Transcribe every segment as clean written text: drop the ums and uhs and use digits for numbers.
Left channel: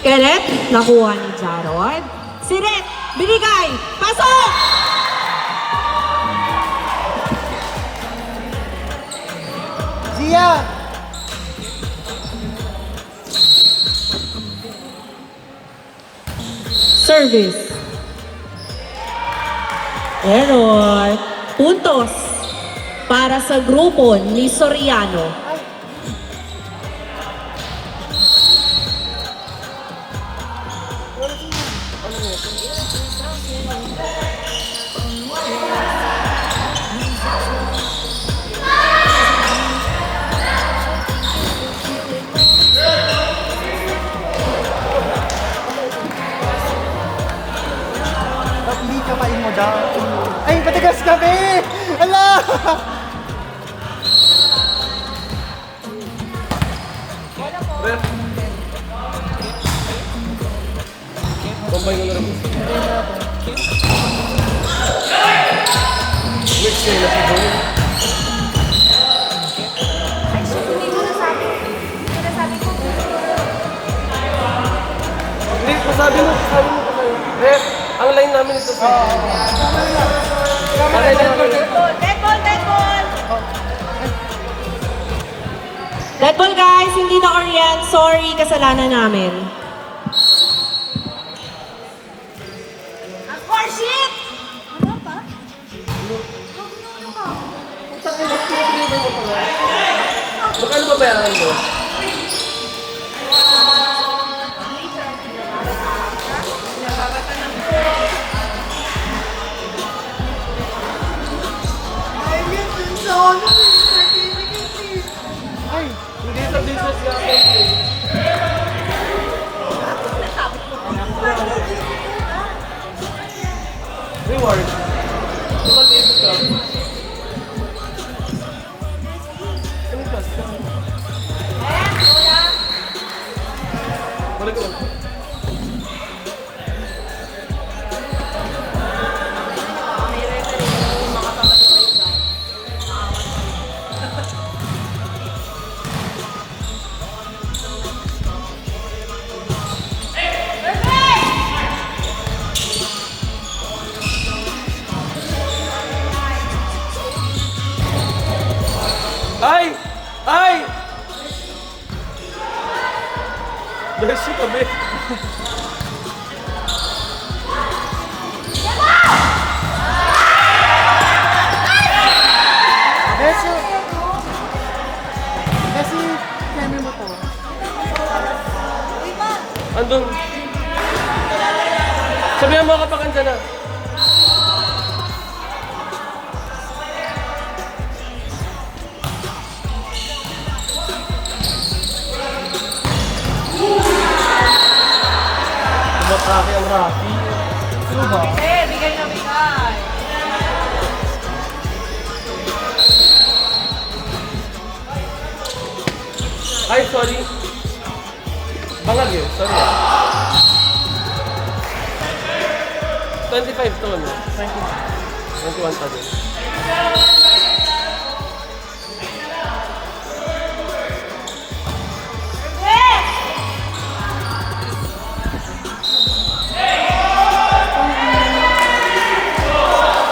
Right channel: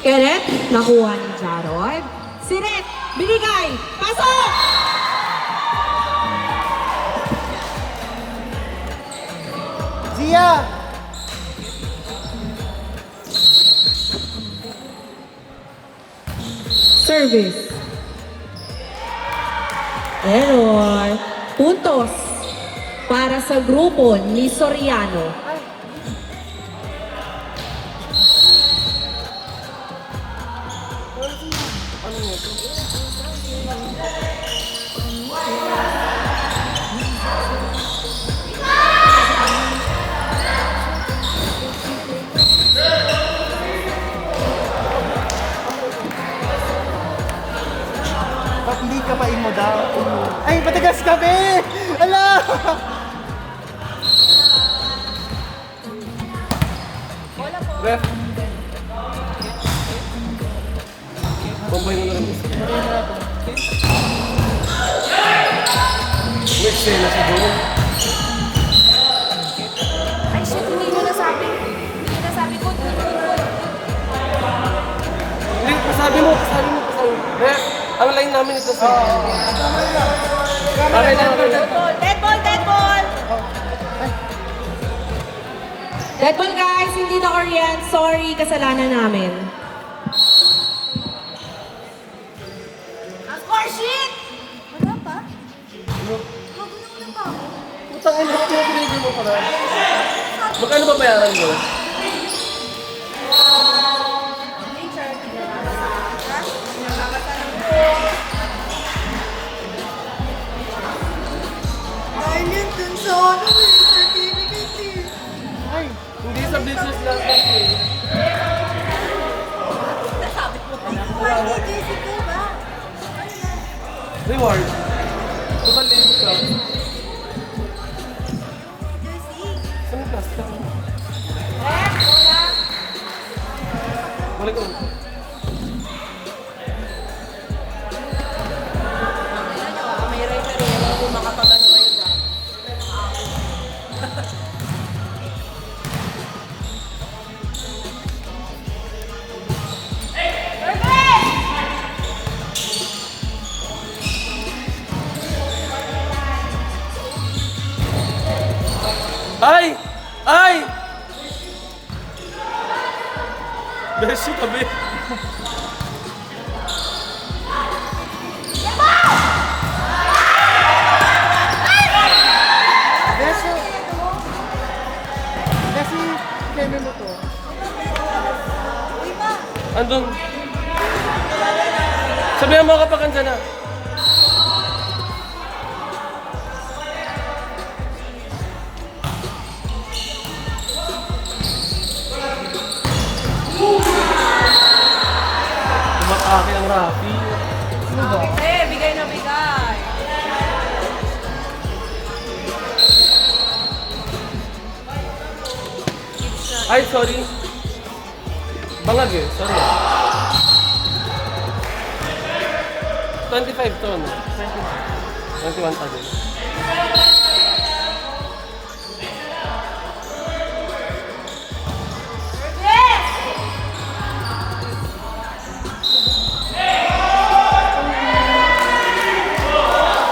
Kenneth, nakuha ni Jarod. Si Red, binigay. Pasok! Zia! Service. Error. Puntos para sa grupo ni Soriano. Hindi ka pain mo daw. Ay, matagas kami! Ala! Ref. Kumpay ko na lang. Yes, sir. Nasa doon. Hindi, pasabi mo. Ref, ang line namin ito sa... Kamera lang. Dead ball guys, hindi na Orient. Sorry, kasalanan namin. Isang inbox mo, pinili mo pa na. Magkano ba bayaran mo? Ay, hindi sa business natin eh. Reward. Diba libo ka? Ano ba? Balik ko lang. Ay! Ay! Beso kami. Kasi... Kasi... Kaya mo to. Andun. Sabihan mo kapakan dyan na. Kumakaki ang Rafi. Ano ba? Bigay na bigay. Ay, sorry. Bangag eh, sorry. 25 ton. 21,000.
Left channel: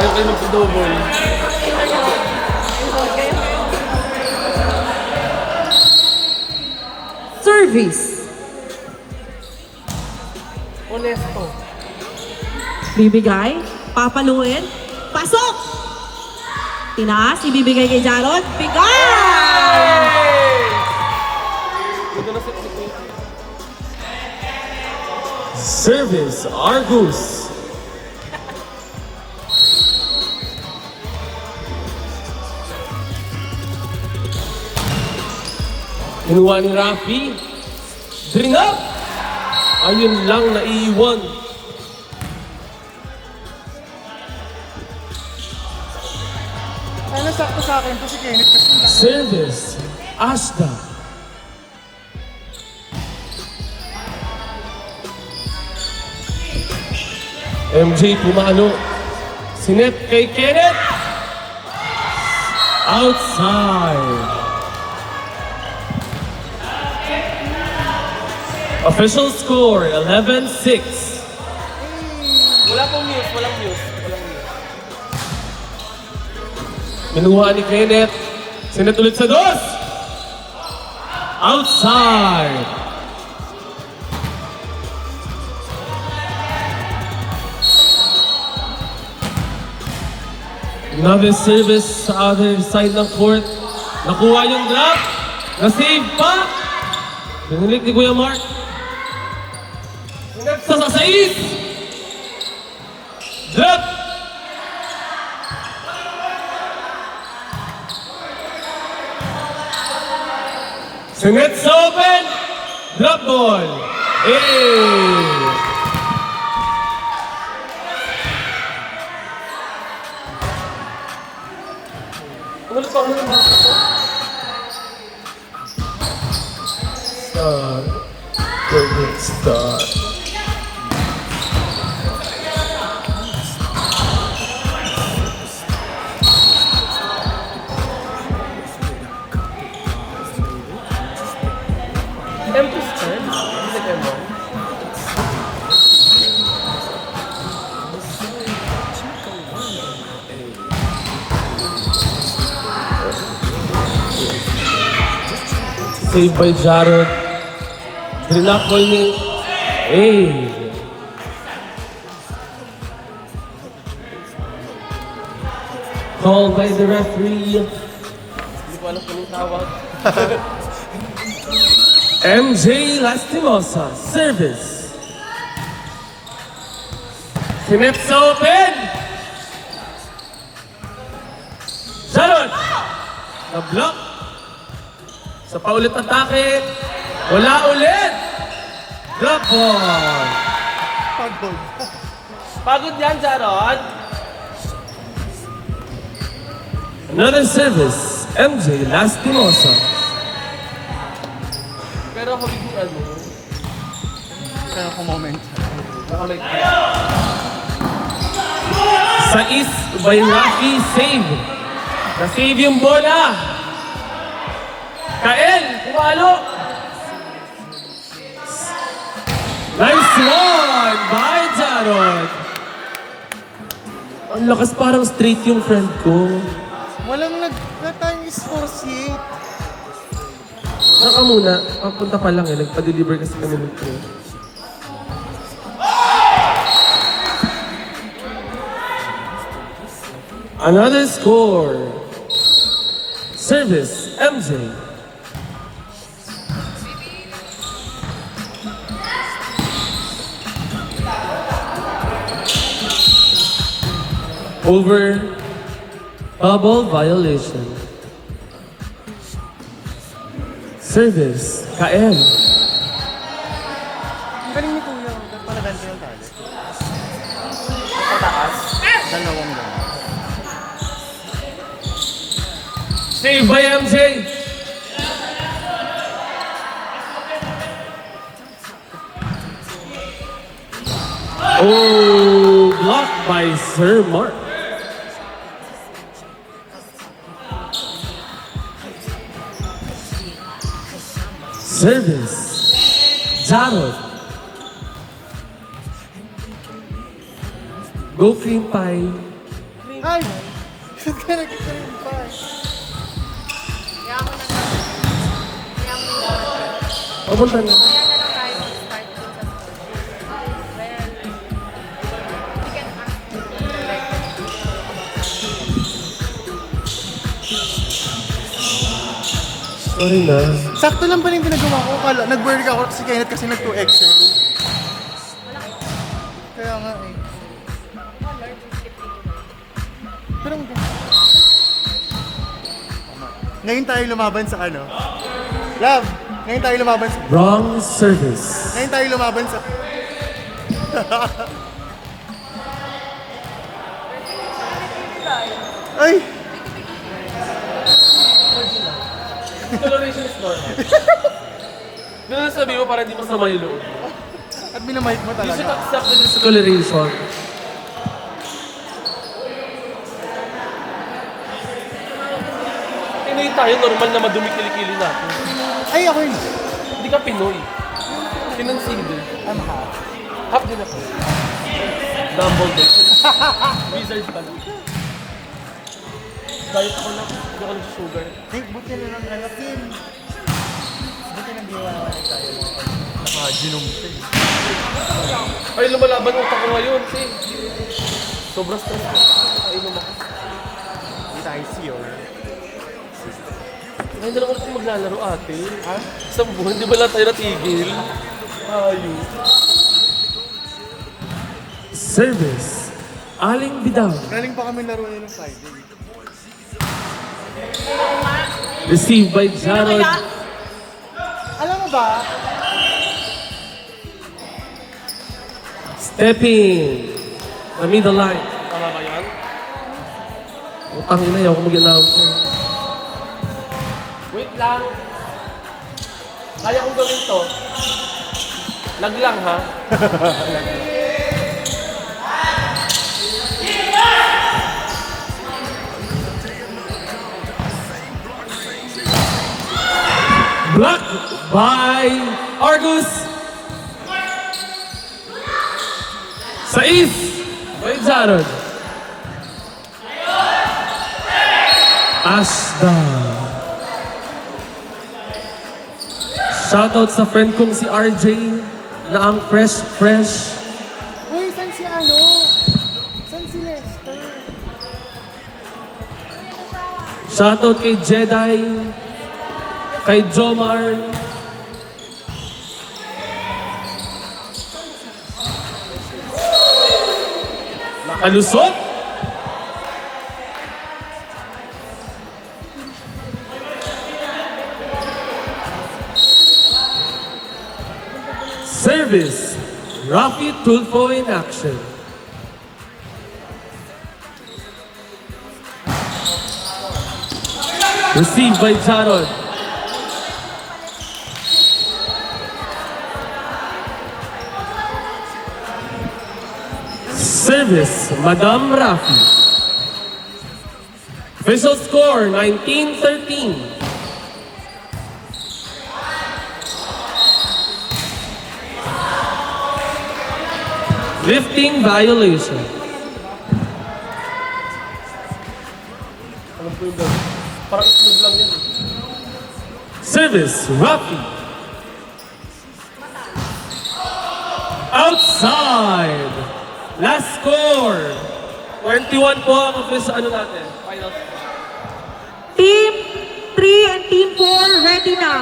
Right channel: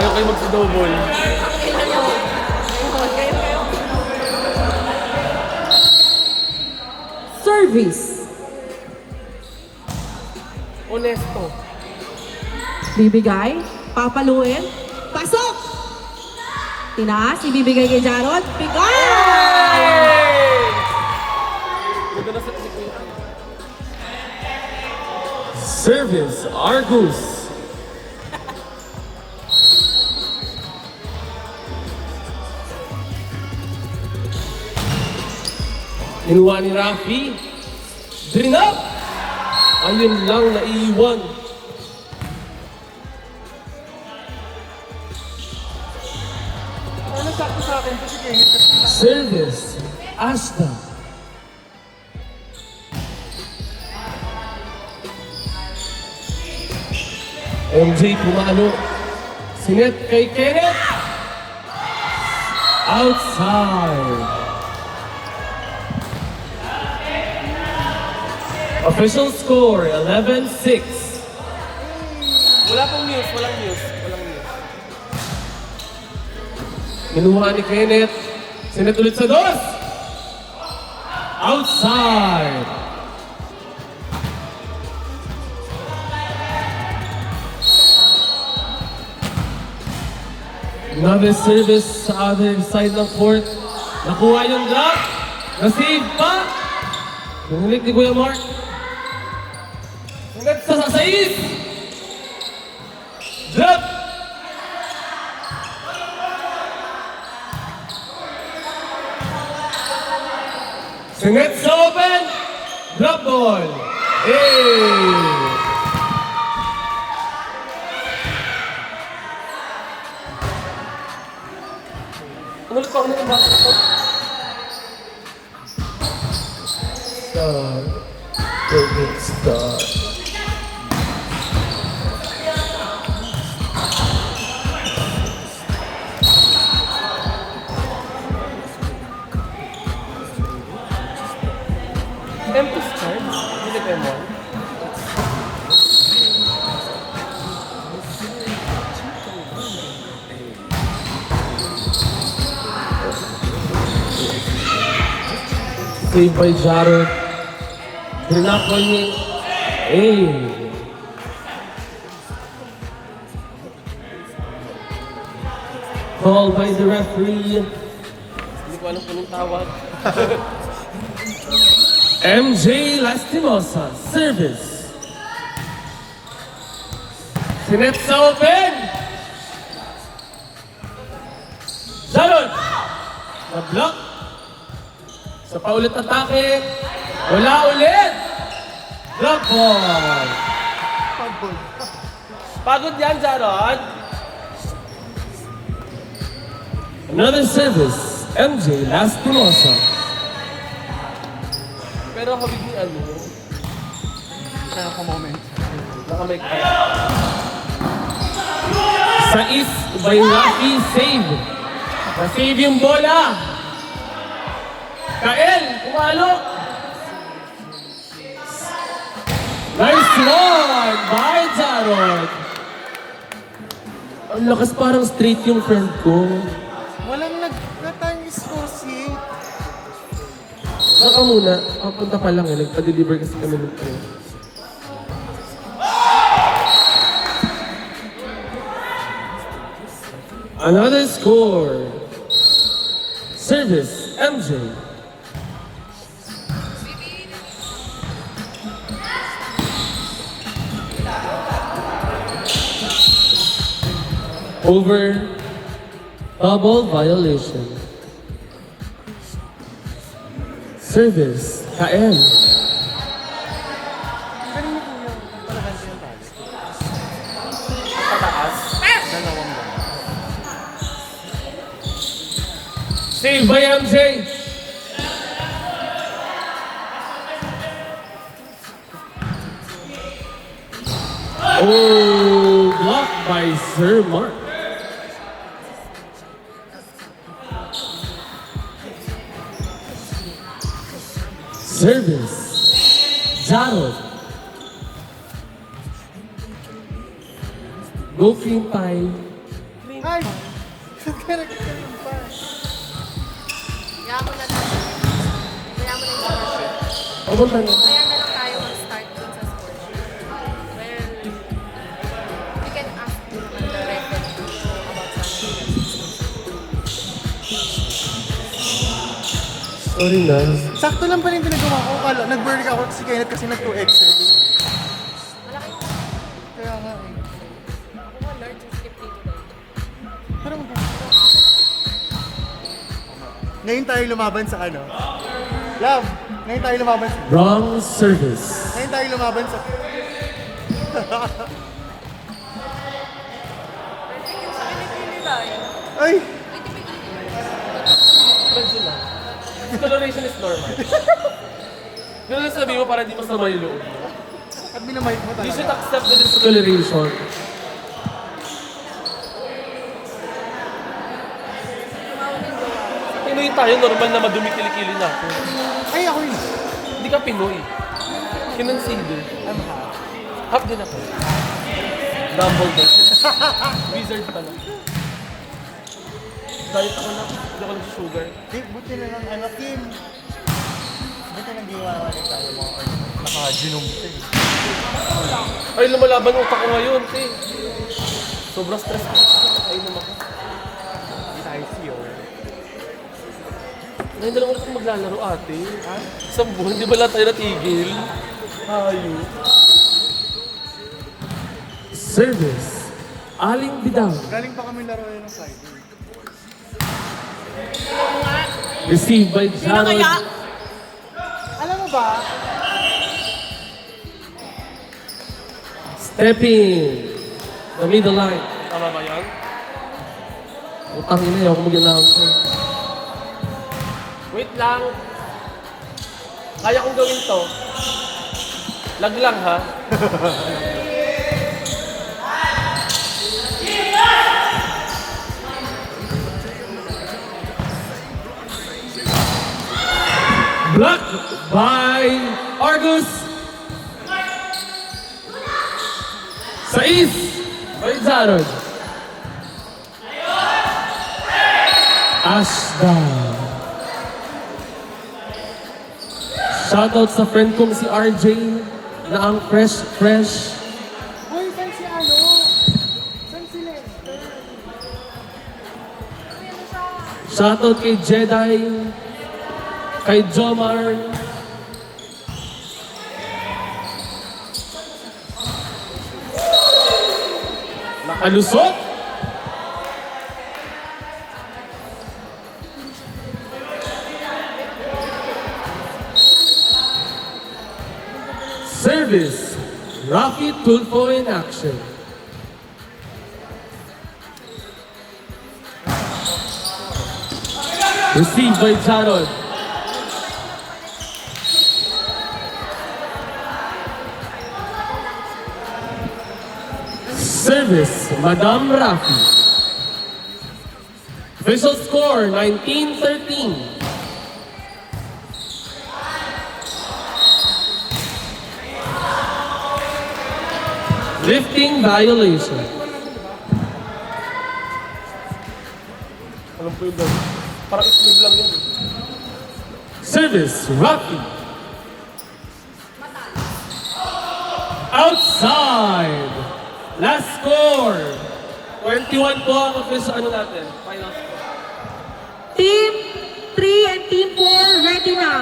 Ayaw kayo magsa-double. Service. Honesto. Bibigay. Papaluin. Pasok! Tinaas. Ibibigay kay Jarod. Bigay! Maganda sa ito. Service Argus. Inuwa ni Rafi. Bring up! Ayun lang naiiwan. Ano sakto sa akin kasi Kenneth kasi... Service Ashta. MJ pumalo. Si Sinip kay Kenneth. Outside. Official score, 11-6. Wala pong news, walang news. Walang news. Minuha ni Kenneth. Sinip ulit sa dos. Outside. Another service sa other side ng court. Nakuha yung drop. Na-save pa. Pinulik ni Kuya Mark. Sinip sa 6. Drop. Sinip sa open. Drop ball. Hey! Ano ulit ako ng basket ko? Star. Golden Star. Empty stand? Hindi na kayo. Saved by Jared. Drinapoy ni... Hey! Called by the referee. Hindi ko alam kung anong tawag. MJ Lastimosa, service. Sinip sa open. Jared. Na-block. Sa paulit atake. Wala ulit. Drop ball. Pagod yan, Jarod. Another service. MJ Lastimosa. Pero ako bigyan ano. Kaya ako moment. Nakamay ka. Sa East by Rocky, save. Na-save yung bola. Kael, kumalo. Nice one by Jarod. Ang lakas, parang straight yung friend ko. Walang nagtatang isposit. Naka muna, papunta pa lang eh. Nagpa-deliver kasi kami ng train. Another score. Service, MJ. Over bubble violation. Service, KM. Galing ni Kuya. Nagpalaganti tayo. Pataas. Dalawang ba? Save by MJ. Oh, blocked by Sir Mark. Service, Jarod. Go cream pie. Ay! Hindi nagkakaroon pa. Papunta na. Sorry na. Sakto lang pa rin pinagawa ko. Kala, nag-burn ako si Kenneth kasi nag-2XL. Kaya nga eh. Pero ngayon tayo lumaban sa ano? Love! Ngayon tayo lumaban sa... Wrong service. Ngayon tayo lumaban sa... Ay! Discoloration is normal. Ganun sabi mo para di masama yung loob. At minamahit mo You should talaga. accept the Discoloration. Pinoy tayo, normal na madumi kilikili natin. Ay, ako yun. Hindi ka Pinoy. Pinansin din. Half din ako. Dumbledore. Wizard pala. Diet ako na. Hindi ako nagsusugar. Buti na lang, Kim. Buti nang giwa naman tayo mga naka-genome eh. Ay, lumalaban ang utak ko ngayon, te. Sobrang stress ko. Ay, naman ako. Hindi tayo siyo. Ngayon na lang ulit maglalaro, ate. Isang buwan, di ba lahat tayo natigil? Tayo. Service. Aling Bidang. Galing pa kami laro ng Friday. Received by Jarod. Alam mo ba? Stepping. The middle line. Tama ba yan? Utang ina, ayaw ko mag-announce. Wait lang. Kaya kong gawin to. Lag lang ha. Blocked by Argus. Sais by Jarod. Ashda. Shoutout sa friend kong si RJ na ang fresh. Uy, saan si ano? Saan si Lester? Shoutout kay Jedi, kay Jomar. Nakalusot. Service. Rafi Tulfo in action. Received by Jarod. Service, Madam Rafi. Official score, 19-13. Lifting violation. Alam po yung gano'n. Parang itlog lang yan. Service, Rafi. Outside. Last score. 21 po ang official natin. Final score. Team 3 and Team 4, ready na.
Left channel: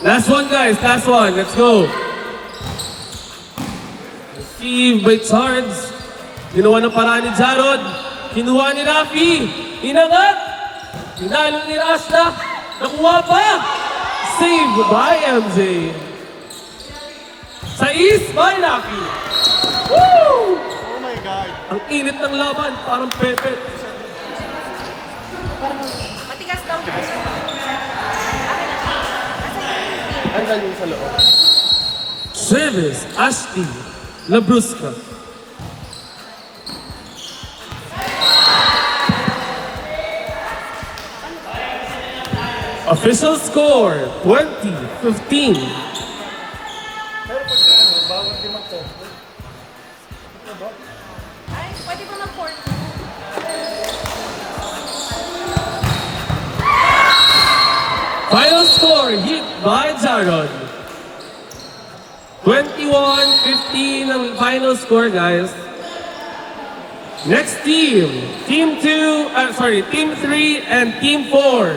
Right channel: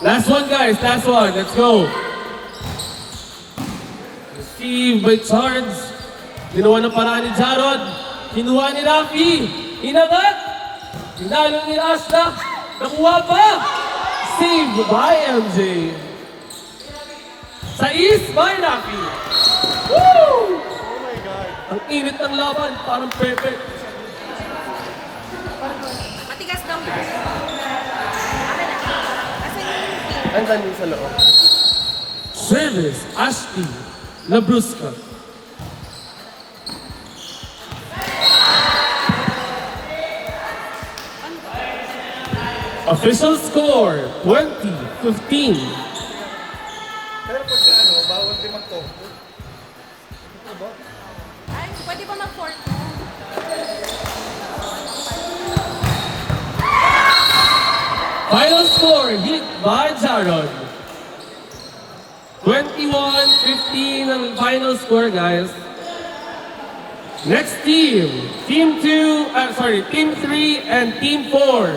Last one, guys. Last one. Let's go. Received by Charles. Ginawa ng paraan ni Jarod. Kinuha ni Rafi. Inangat. Pinalo ni Rashda. Nakuha pa. Saved by MJ. Sais by Rafi. Woo! Ang init ng laban. Parang pepe. Matigas daw. Ang galing sa loob. Service, Ashti, Labrusca. Official score, 20-15. Ay, pwede po mag-court. Final score, hit by Jarod. 21-15 ang final score, guys. Next team, Team 3 and Team 4.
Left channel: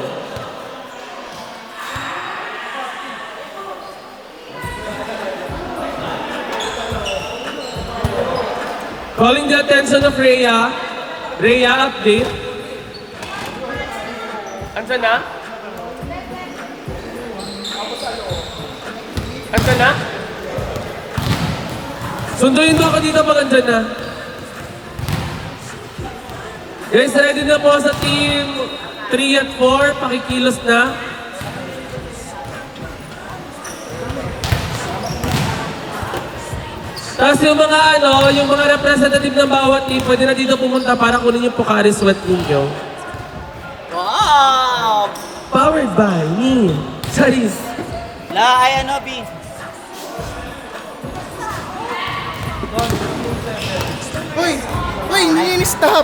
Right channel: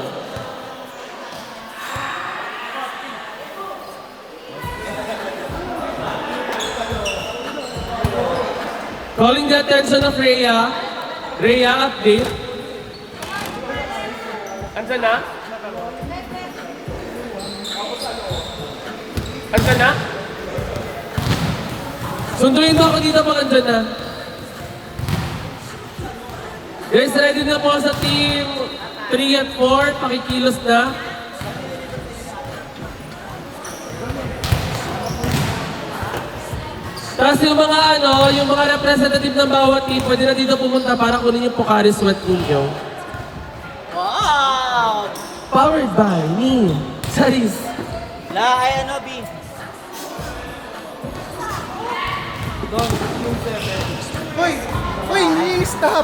Calling the attention of Rhea. Rhea, update. Andiyan na? Andiyan na? Sunduin mo ako dito pag andyan na. Guys, ready na po sa team 3 at 4. Pakikilos na. Tapos yung mga yung mga representative ng bawat team, pwede na dito pumunta para kunin yung Pocari Sweat ninyo. Wow! Powered by me. Charis. Ay, B. Uy! Uy, nini-stop!